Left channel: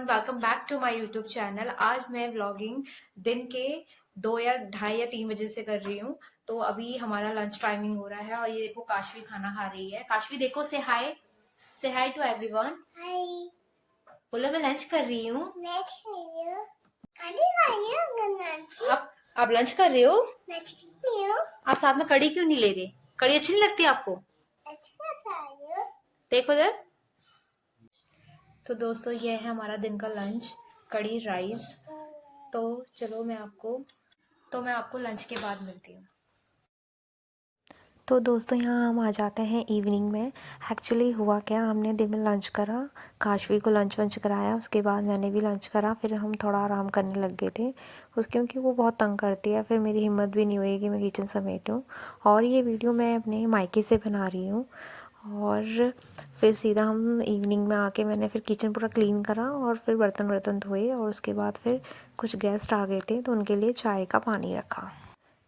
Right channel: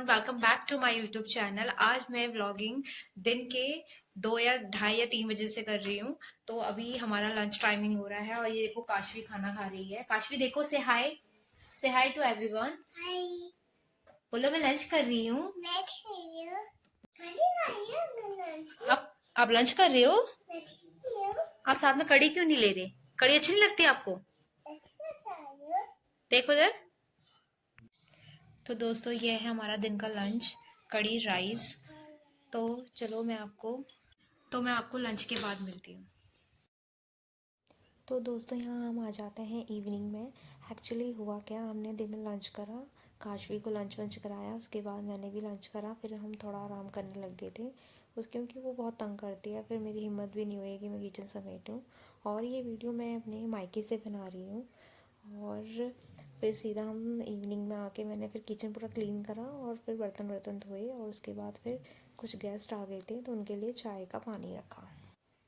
Everyone, welcome back to my YouTube channel. आज मैं vlogging दिन के 2 या ढाई या 3 बजे से कर रही हूँ। तो अभी हमारा लंच टाइमिंग हो रहा है और ये देखो काशवी खाना खा रही है। काशवी देखो, से हाय टू एवरीवन। हाय। बोलो मैं लंच कर रही हूँ। मैं खा रही हूँ। खाली खा रही हूँ गन्नाची। आप लंच कर रहे हो? मैं खा रही हूँ। आप साथ में कड़ी क्यों नहीं ले रहे? कड़ी अच्छी नहीं लगती आपको? अच्छा खा रही हूँ। देखो जरा। तो दोस्तों ये है हमारा दिन का लंच, कड़ी राइस। तो चलो मैं आपको लंच के बाद मिलती हूँ। तो दोस्तों यहाँ हम आ जाते हैं इवनिंग में। एक्चुअली हुआ क्या, हमने दिन में लंच करा, काशवी को लंच वंच कराया, उसके बाद मैंने भी लंच करा, फिर हम थोड़ा आराम करने लग गए थे क्योंकि वो बहुत तंग करती है। फिर मेरी हिम्मत भी नहीं हुई कि मैं किचन समेटूँ। और ये वीडियो मैं अपने मायके से बना रही हूँ। और फिर सीधा हम इवनिंग में आके मैंने फिर किचन पूरा क्लीन करा और फिर बर्तन वर्तन धोए और उसके बाद फिर कुछ गेस्ट आ गए थे तो उनके लिए चाय का पानी रखा।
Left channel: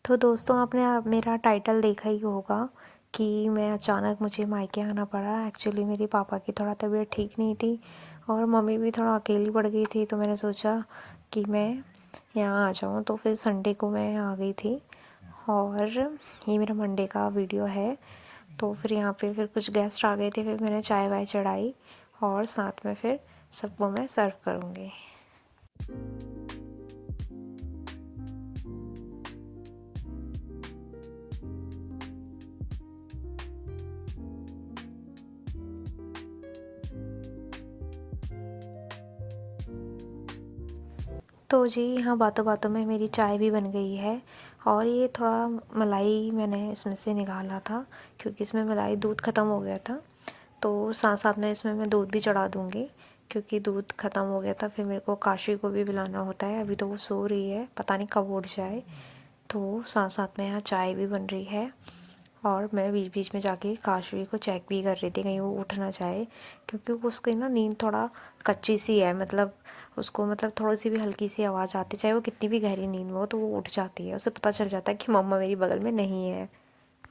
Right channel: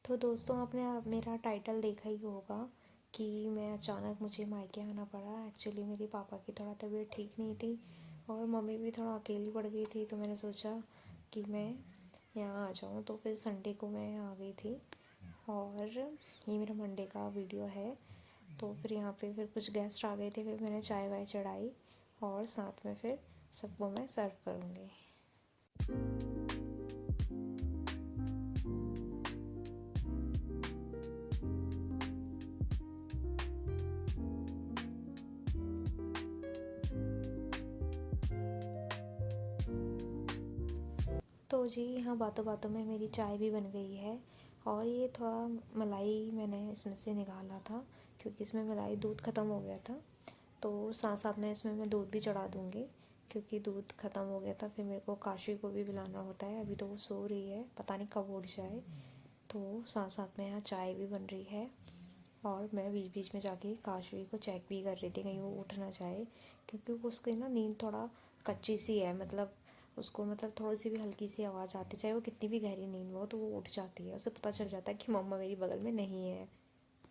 तो दोस्तों आपने मेरा टाइटल देखा ही होगा कि मैं अचानक मुझे मायके आना पड़ा। एक्चुअली मेरे पापा की थोड़ा तबीयत ठीक नहीं थी और मम्मी भी थोड़ा अकेली पड़ गई थी, तो मैंने सोचा कि मैं यहाँ आ जाऊँ। तो फिर संडे को मैं आ गई थी और ये मेरा मंडे का वीडियो है। तो फिर यहाँ पे फिर कुछ गेस्ट आ गए थे, फिर मैंने चाय वाय चढ़ाई और साथ में फिर सबको मैं सर्व करूँगी। तो जी यहाँ बातों बातों में मेरी चाय भी बन गई है। और ये थोड़ा मलाई मैंने इसमें से निकाला था क्योंकि इसमें मलाई दूध ख़त्म हो गया था। तो साथ साथ में इसमें मैं दूध भी चढ़ा दूँगी क्योंकि दूध ख़त्म हो गया था। फिर मेरे को काशी को भी बुलाना होता है, अभी तो वो सो रही है, पता नहीं कब उठ जाए। तो साथ साथ में यहाँ चाय भी बन रही है और मैं बीच बीच में जाके काशवी को चेक भी कर रही थी कहीं वो उठ ना जाए, क्योंकि उसकी ना नींद थोड़ा कच्ची सी है। मतलब उसको मतलब थोड़ी सी भी हल्की सी आवाज़ आती, चाहे वो कितनी भी गहरी नींद में हो, तो वो उठ जाती है। उसे पता चल जाता है कि मम्मा मेरी बगल में नहीं है।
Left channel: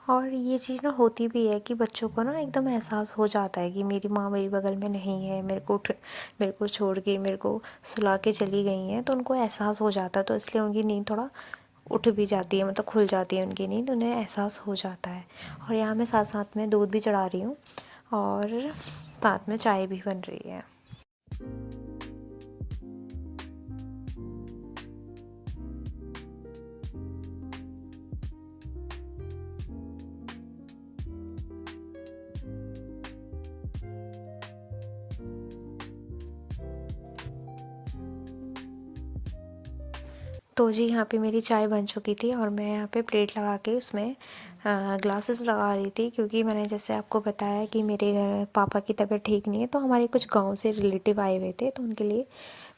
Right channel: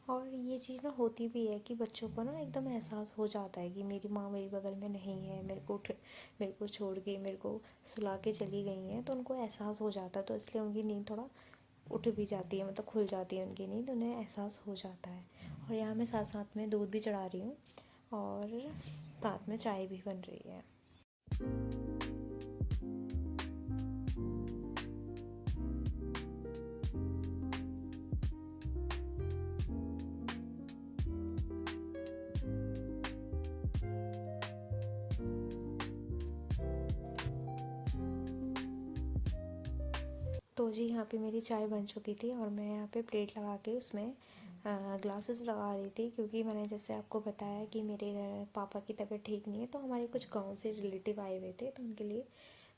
और ये चीज़ ना होती भी है कि बच्चों को ना एकदम एहसास हो जाता है कि मेरी माँ मेरी बगल में नहीं है, मेरे को छोड़ के मेरे को सुला के चली गई हैं, तो उनको एहसास हो जाता है। तो इसलिए उनकी नींद थोड़ा उठ भी जाती है, मतलब खुल जाती है उनकी नींद, उन्हें एहसास हो जाता है। और यहाँ मैं साथ साथ में दूध भी चढ़ा रही हूँ और साथ में चाय भी बन रही है। तो जी यहाँ पे मेरी चाय बन चुकी थी और मैं यहाँ पे प्लेट लगा के उसमें ग्लासेस लगा रही थी, क्योंकि मैंने जैसे आपको बताया कि मेरे घर पापा की तबीयत ठीक नहीं है, तो हमारे कुछ गांव से रिलेटिव आए हुए थे, तो उनके लिए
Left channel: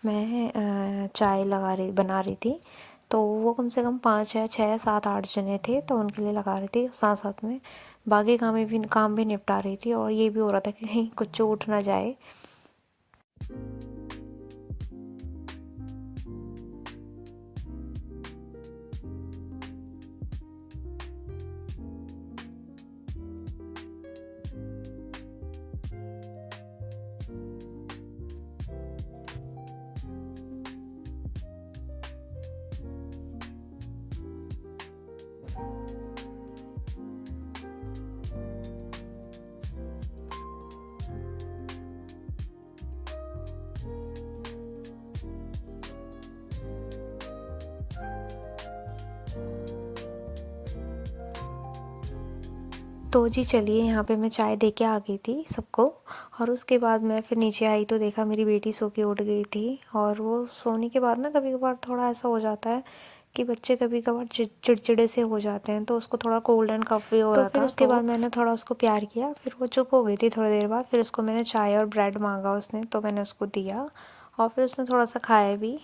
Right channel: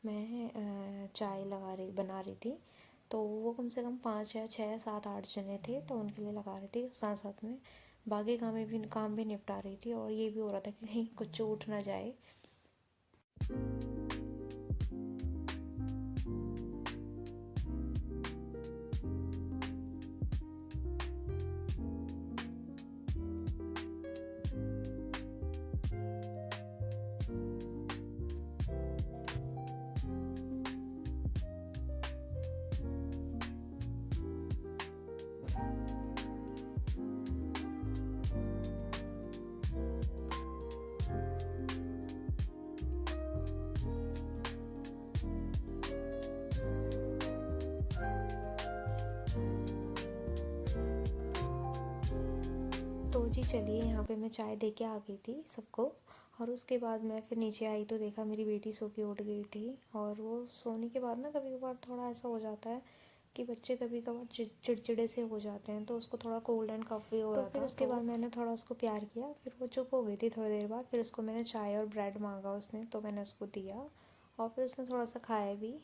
मैं चाय बना रही थी। तो वो कम से कम 5 या 6 या 7 8 जने थे, तो उनके लिए लगा रही थी। साथ साथ में बाकी काम भी निपटा रही थी और ये भी हो रहा था कि कहीं कुछ उठ ना जाए। तो जी चलिए, यहाँ पे मैं चाय दे के आ गई थी सबको और उसके बाद मैं फिर नीचे आई तो देखा मेरी बेटी सो के उठ गई थी। और वो सोने के बाद ना कभी कभार थोड़ा ऐसा हो जाता है कि बच्चे कभी कभार चिड़चिड़े से हो जाते हैं, तो उसको थोड़ा कोल्ड एंड कफ भी हो रहा था। फिर उसके बाद मैंने थोड़ा उसको प्यार किया, फिर वो चुप हो गई थी थोड़ी देर बाद। फिर उसको मैंने चाय और ब्रेड मांगा उसने, तो मैंने उसको दिया और फिर उसने थोड़ा सा खाया भी।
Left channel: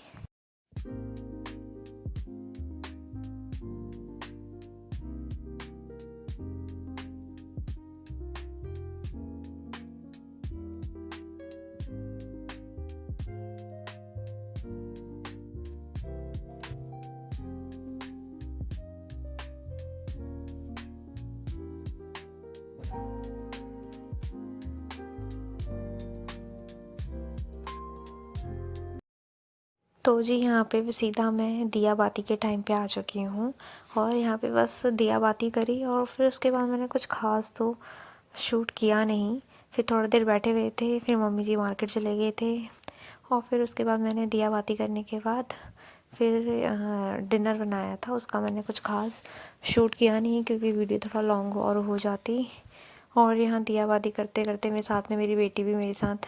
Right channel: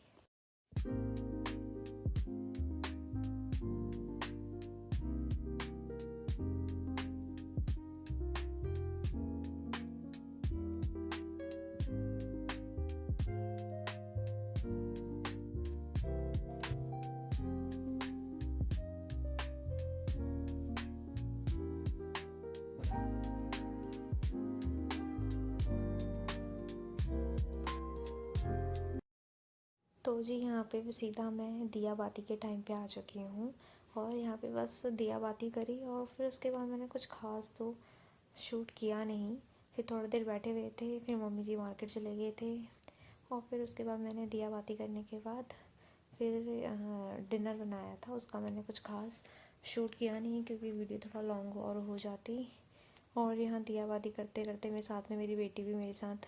तो जी यहाँ पे भी सीधा मैं दिया बाती के टाइम पे आ चुकी हूँ और यहाँ पे बस दिया बाती करी और फिर उसके बाद मैंने कुछ ख़ास तो शूट किया नहीं। फिर थोड़ी देर बैठे हुए थे, फिर मम्मी जी मार्केट चले गए थे और फिर उसके बाद मैंने दिया बाती करने के बाद फिर डिनर बनाया था, उसका मैंने कुछ ख़ास शूट किया नहीं क्योंकि वीडियो थोड़ा लॉन्ग और हो जाती। और यहाँ दिया बाती करते करते मेरे साथ में मेरी बेटी भी मेरे साथ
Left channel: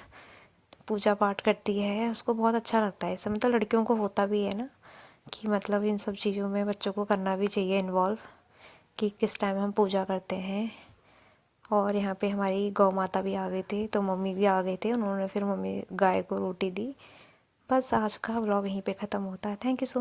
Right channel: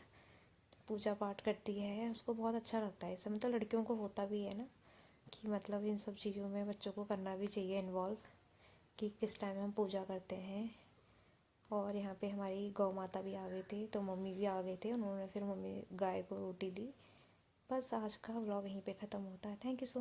पूजा पाठ करती है, उसको बहुत अच्छा लगता है। इससे मतलब लड़कियों को होता भी है ना कि मतलब इन सब चीज़ों में बच्चों को करना भी चाहिए इन्वॉल्व, कि किस टाइम हम पूजा करते हैं। और यहाँ पे हमारी गौ माता भी आ गए थे, तो मम्मी भी आ गए थे, उन्होंने फिर मम्मी गाय को रोटी दी। बस आज का व्लॉग यहीं पे ख़त्म होता है। Thank you so